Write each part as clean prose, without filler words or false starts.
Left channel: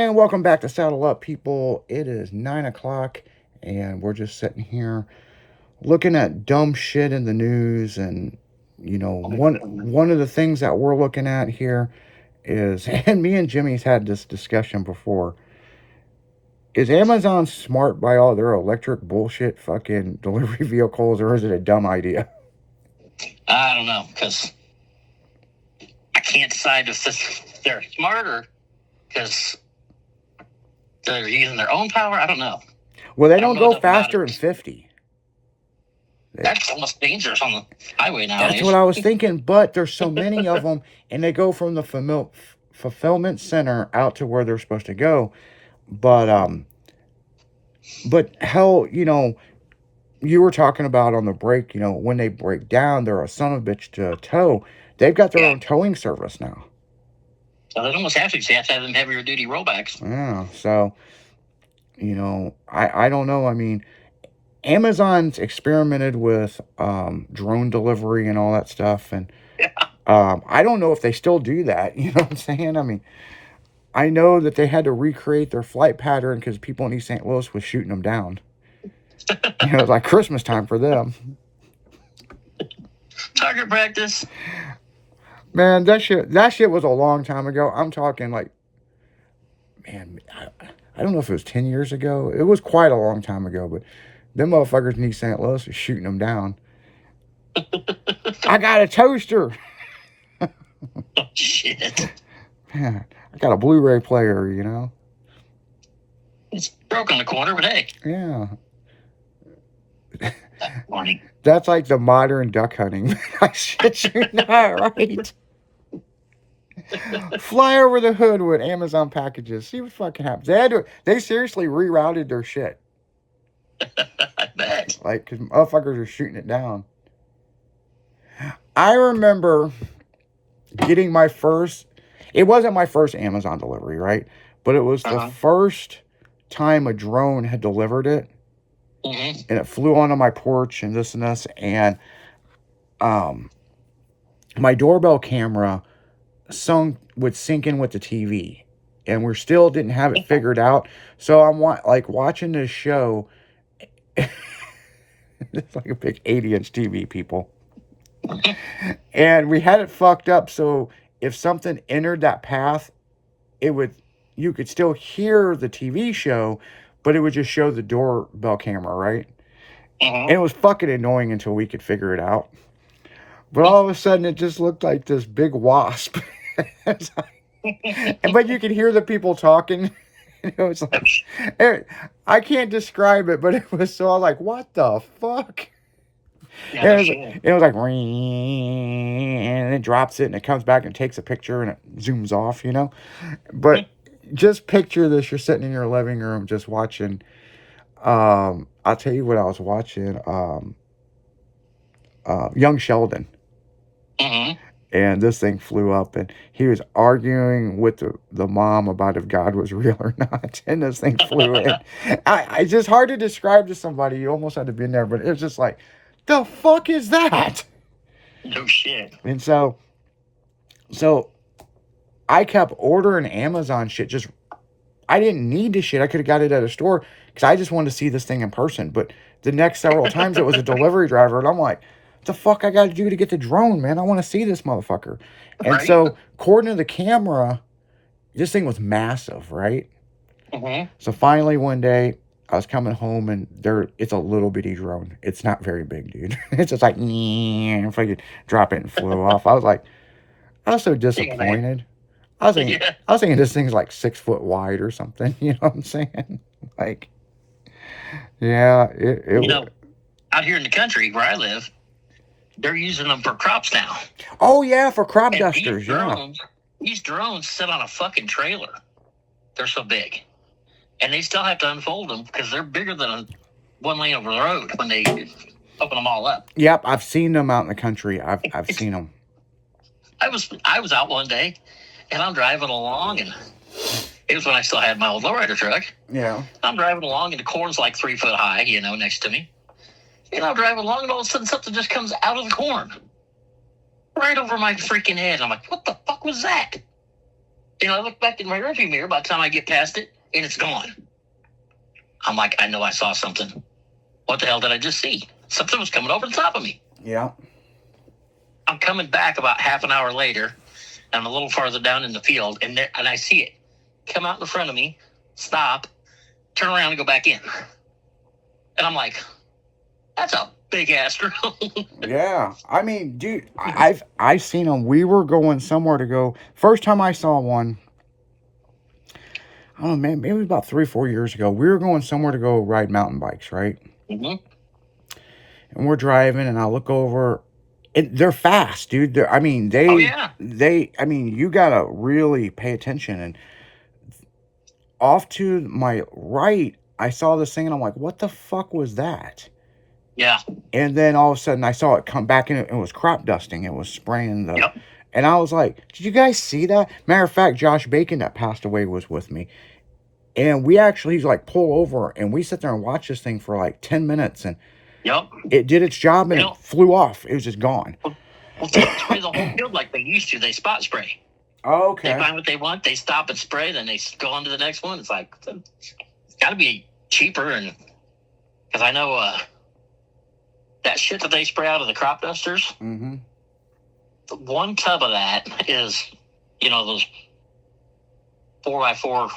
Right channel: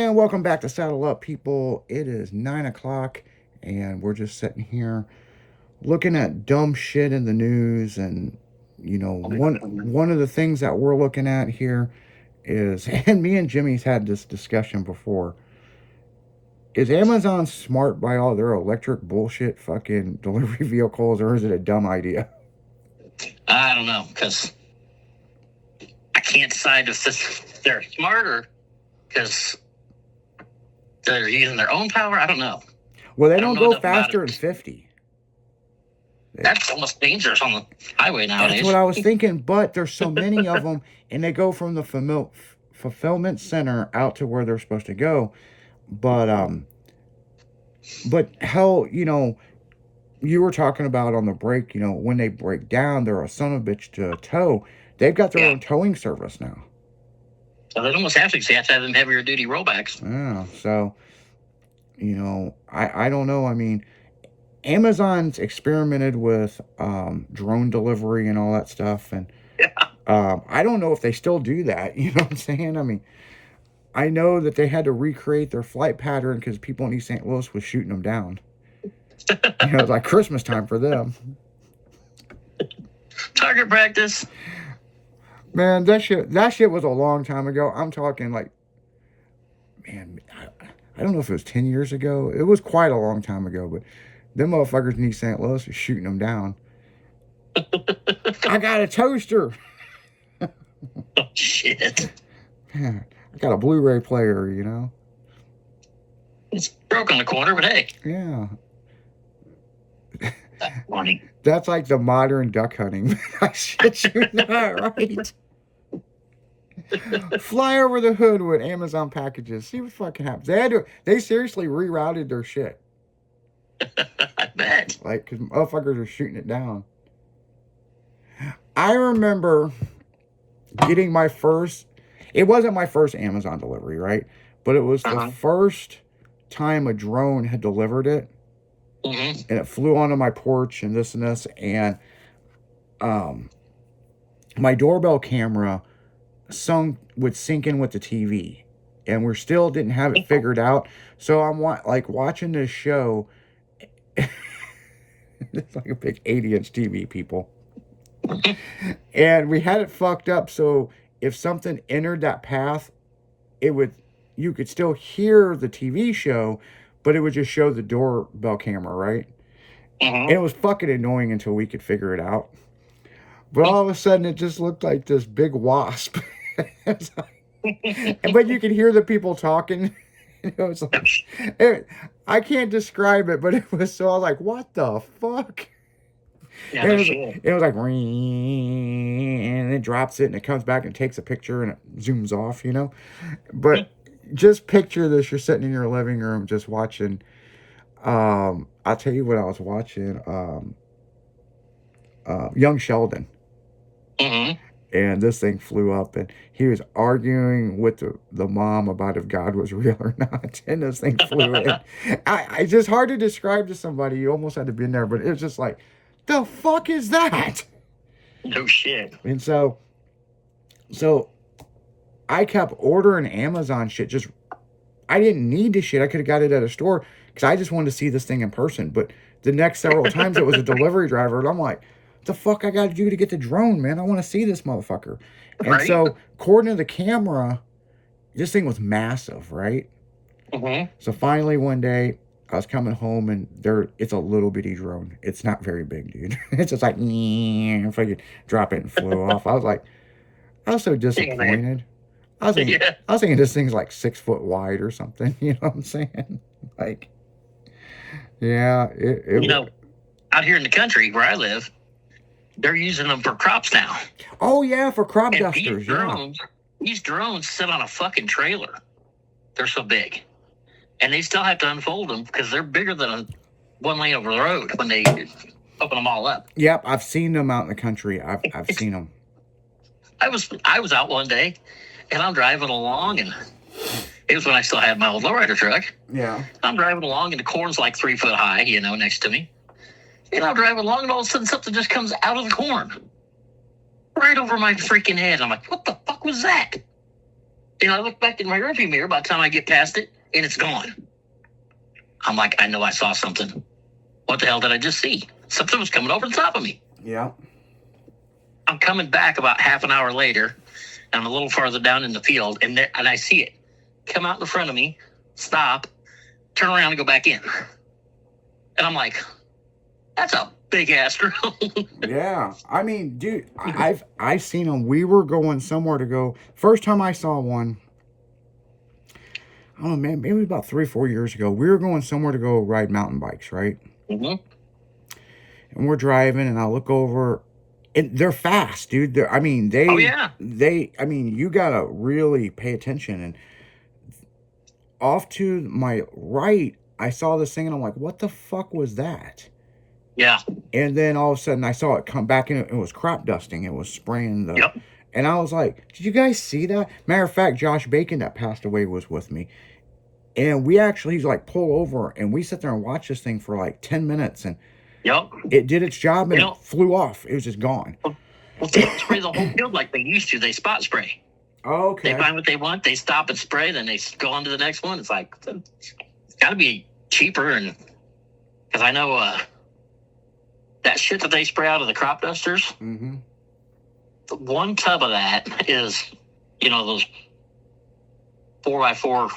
And welcome back to Saddle Up, people. It is 9 o'clock, and we're just sitting here looking at dumb shit in the news. And one of the things that we're looking at here is, and me and Jimmy's had this discussion before. Is Amazon smart by all their electric bullshit fucking delivery vehicles, or is it a dumb idea? I don't know, because I can't decide if they're smarter because they're using their own power. I don't know. Well, they don't go faster than 50. That's almost dangerous on the highway nowadays. That's what I was thinking, but there's so many of them, and they go from the fulfillment center out to where they're supposed to go. But hell, you were talking about on the break, when they break down, they're a son of a bitch to tow. They've got their own towing service now. So they almost have to, because you have to have them heavier duty rollbacks. Yeah, so, I don't know. I mean, Amazon's experimented with drone delivery and all that stuff, and I don't know if they still do that. You know what I'm saying? I mean, I know that they had to recreate their flight pattern because people in East St. Louis was shooting them down. It was like Christmas time for them. Target practice. Man, that shit was a long time ago. I'm talking like, man, I don't know if it was 10 years ago. It was quite a long time ago, but them motherfuckers in East St. Louis are shooting them down. I got a toaster. Oh, shit. Man, I got a Blu-ray player, It's broke on the corner, but hey. Yeah. That's funny. That's like the modern duck hunting. I shit you not, right? Fly over the hood with Amazon packages. See what fucking happens. They seriously rerouted their shit. I bet. Like, because motherfuckers are shooting it down. I remember getting my first... It wasn't my first Amazon delivery, right? But it was the first time a drone had delivered it. Mm-hmm. And it flew onto my porch and this. And my doorbell camera would sync in with the TV. And we still didn't have it figured out. So I'm watching this show. It's like a big 80-inch TV, people. And we had it fucked up, so if something entered that path, you could still hear the TV show, but it would just show the doorbell camera, right? And it was fucking annoying until we could figure it out. But all of a sudden, it just looked like this big wasp. But you could hear the people talking. It was like, I can't describe it, but it was so, I was like, what the fuck? Yeah, it was like, and it drops it, and it comes back and takes a picture, and it zooms off, But just picture this: you're sitting in your living room just watching. I'll tell you what I was watching. Young Sheldon. Mm-hmm. And this thing flew up, and he was arguing with the mom about if God was real or not. And this thing flew in. It's just hard to describe to somebody. You almost had to be in there, but it was just like, the fuck is that? No shit. And so I kept ordering Amazon shit. I didn't need this shit. I could have got it at a store because I just wanted to see this thing in person. But the next several times it was a delivery driver, and I'm like, what the fuck I got to do to get the drone, man? I want to see this motherfucker. And so, according to the camera, this thing was massive, right? Mm-hmm. So finally one day, I was coming home, and it's a little bitty drone. It's not very big, dude. It's just like, if I could drop it and flew off. I was so disappointed. I was thinking this thing's like 6 foot wide or something. You know what I'm saying? Like, yeah. Out here in the country where I live, they're using them for crops now. Oh, yeah, for crop dusters. These drones sit on a fucking trailer. They're so big. And they still have to unfold them because they're bigger than one lane over the road when they open them all up. Yep, I've seen them out in the country. I've seen them. I was out one day, and I'm driving along, and it was when I still had my old lowrider truck. Yeah. I'm driving along, and the corn's like 3 foot high, next to me. And I'm driving along, and all of a sudden something just comes out of the corn. Right over my freaking head. I'm like, what the fuck was that? I look back in my rearview mirror by the time I get past it, and it's gone. I'm like, I know I saw something. What the hell did I just see? Something was coming over the top of me. Yeah. I'm coming back about half an hour later. I'm a little farther down in the field, and I see it come out in front of me, stop, turn around, and go back in. And I'm like, that's a big ass drone. Yeah. I mean, dude, I've seen them. We were going somewhere to go. First time I saw one, I don't know, man, maybe about 3-4 years ago. We were going somewhere to go ride mountain bikes, right? Mm-hmm. And we're driving, and I look over. They're fast, dude. I mean, Oh, yeah. I mean, you gotta really pay attention. And off to my right, I saw this thing, and I'm like, what the fuck was that? Yeah. And then all of a sudden, I saw it come back, and it was crop dusting. It was spraying the. Yep. And I was like, did you guys see that? Matter of fact, Josh Bacon that passed away was with me. And we actually, he's like, pull over, and we sit there and watch this thing for like 10 minutes, and Yep. it did its job, and it flew off. It was just gone. Well, they don't spray the whole field like they used to. They spot spray. Okay. They find what they want. They stop and spray. Then they go on to the next one. It's like, it's got to be cheaper. And because I know that shit that they spray out of the crop dusters, Mm-hmm. one tub of that is, those 4x4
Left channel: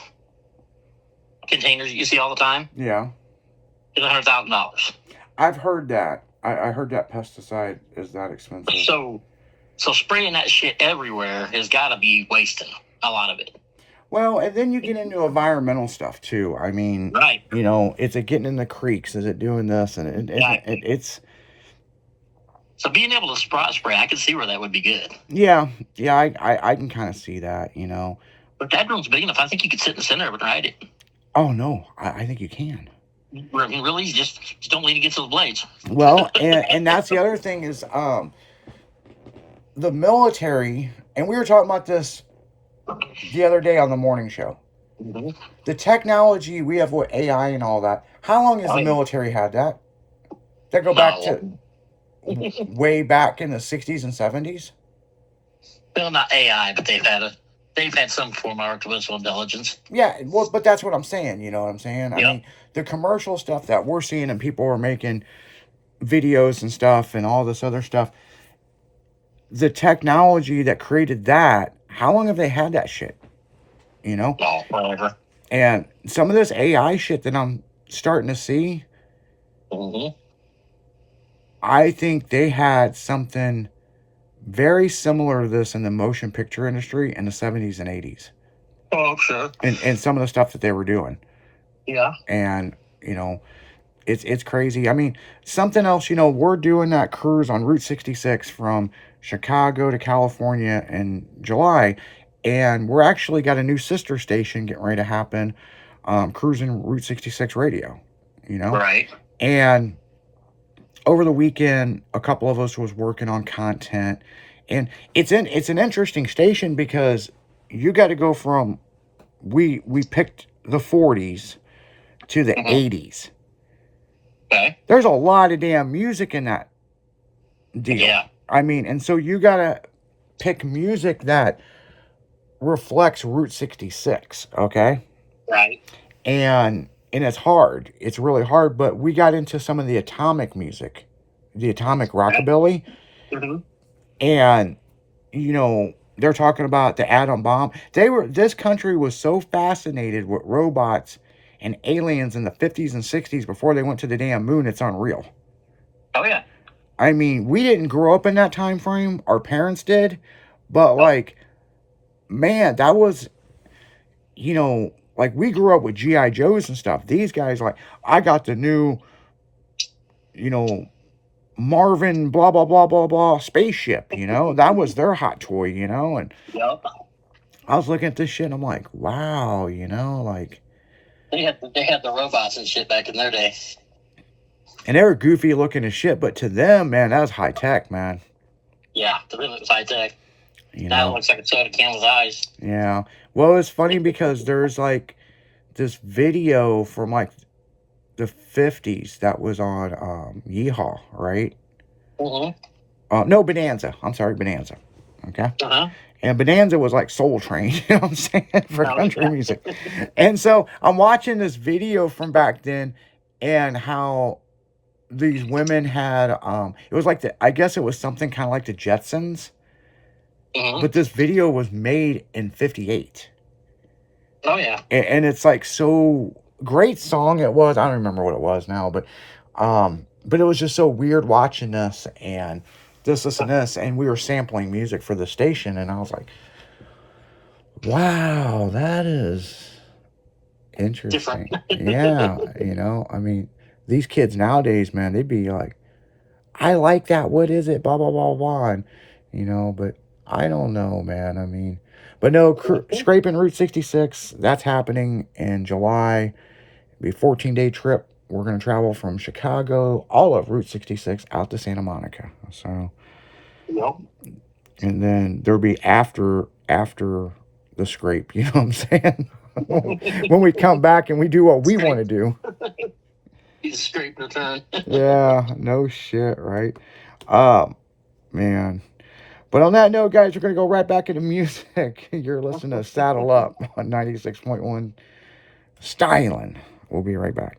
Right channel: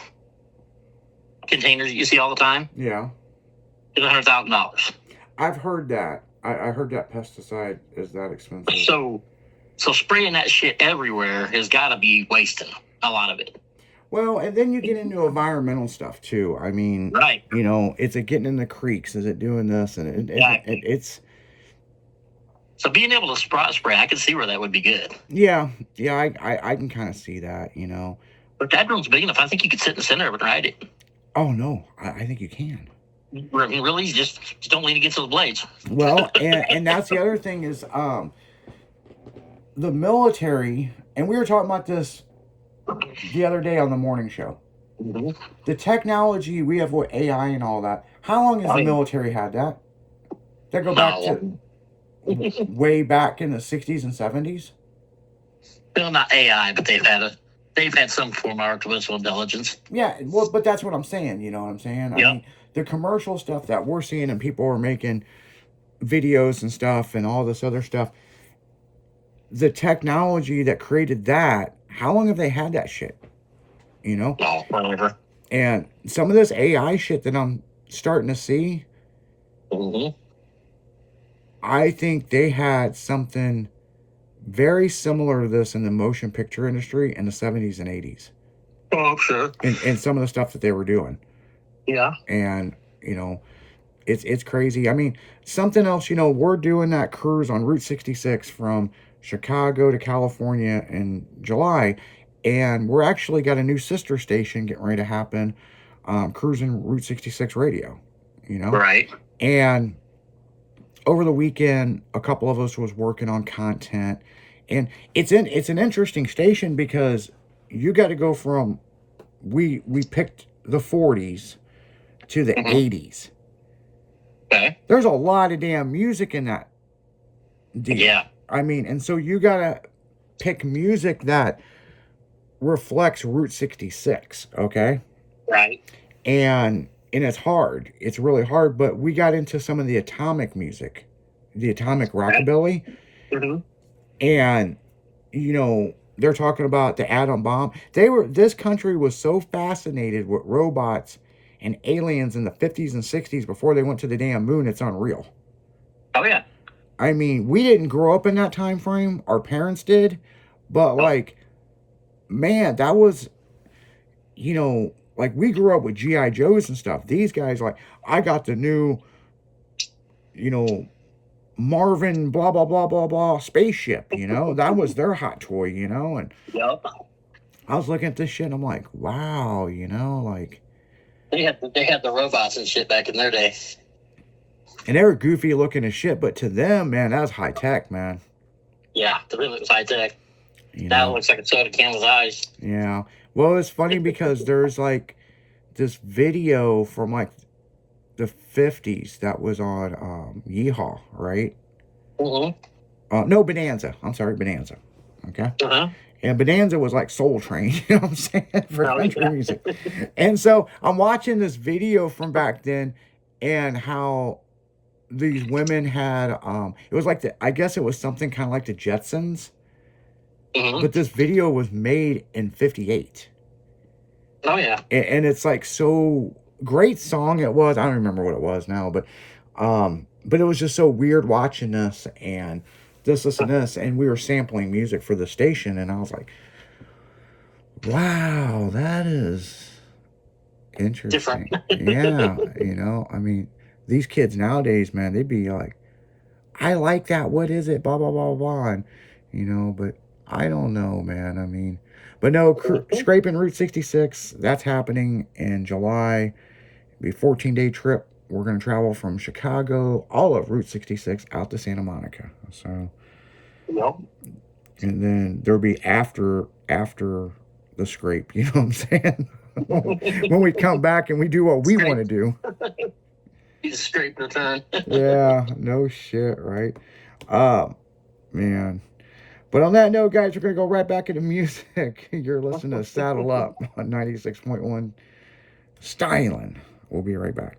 containers you see all the time. Yeah. It's $100,000. I've heard that. I heard that pesticide is that expensive. So spraying that shit everywhere has got to be wasting a lot of it. Well, and then you get into environmental stuff too. I mean, right. Is it getting in the creeks? Is it doing this? And it's. So being able to spray, I can see where that would be good. Yeah, I can kind of see that, But that room's big enough. I think you could sit in the center of it and ride it. Oh no, I think you can. Really, just don't lean against those blades. Well, and that's the other thing is the military, and we were talking about this the other day on the morning show. Mm-hmm. The technology we have with AI and all that. How long has the military had that? They go back to way back in the 60s and 70s. Well, not AI, but they've had some form of artificial intelligence. Yeah, well, but that's what I'm saying. You know what I'm saying? Yep. I mean, the commercial stuff that we're seeing, and people are making videos and stuff and all this other stuff. The technology that created that, how long have they had that shit? Oh, whatever. And some of this AI shit that I'm starting to see, mm-hmm. I think they had something very similar to this in the motion picture industry in the 70s and 80s. Oh, sure. And some of the stuff that they were doing. Yeah. And, it's crazy. I mean, something else, we're doing that cruise on Route 66 from Chicago to California in July. And we're actually got a new sister station getting ready to happen, cruising Route 66 radio, Right. And over the weekend, a couple of us was working on content. And it's an interesting station because you got to go from, we picked the 40s to the 80s. Okay. There's a lot of damn music in that deal. Yeah. I mean, and so you got to pick music that reflects Route 66, okay? Right. And it's hard. It's really hard, but we got into some of the atomic music, the atomic rockabilly. Mm-hmm. And, they're talking about the atom bomb. This country was so fascinated with robots and aliens in the 50s and 60s before they went to the damn moon. It's unreal. Oh, yeah. I mean, we didn't grow up in that time frame. Our parents did. But, man, that was, we grew up with G.I. Joes and stuff. These guys, I got the new, Marvin blah, blah, blah, blah, blah spaceship, That was their hot toy, And Yep. I was looking at this shit and I'm like, wow, They had the robots and shit back in their day. And they were goofy looking as shit, but to them, man, that was high tech, man. Yeah, to them it was high tech. That looks like a soda can with eyes. Yeah. Well, it's funny because there's this video from the 50s that was on Yeehaw, right? Mm-hmm. No, Bonanza. I'm sorry, Bonanza. Okay. Uh-huh. And Bonanza was like Soul Train, you know what I'm saying, for Oh, country yeah. music. And so I'm watching this video from back then, and how these women had it was like I guess it was something kind of like the Jetsons, Hmm. but this video was made in 58. Oh, yeah. And it's like, so great song it was. I don't remember what it was now, but it was just so weird watching this and this and this, and we were sampling music for the station, and I was like, wow, that is Different. interesting. Yeah, I mean, these kids nowadays, man, they'd be like, I like that, what is it, blah blah blah blah, and but I don't know, man. I mean, but no, scraping Route 66, that's happening in July. It'll be a 14-day trip. We're going to travel from Chicago, all of Route 66 out to Santa Monica. So, Yep. and then there'll be after the scrape, you know what I'm saying? When we come back and we do what we want to do. You scrape return. Yeah, no shit, right? Man. But on that note, guys, we're going to go right back into music. You're listening to Saddle Up on 96.1 Styling. We'll be right back.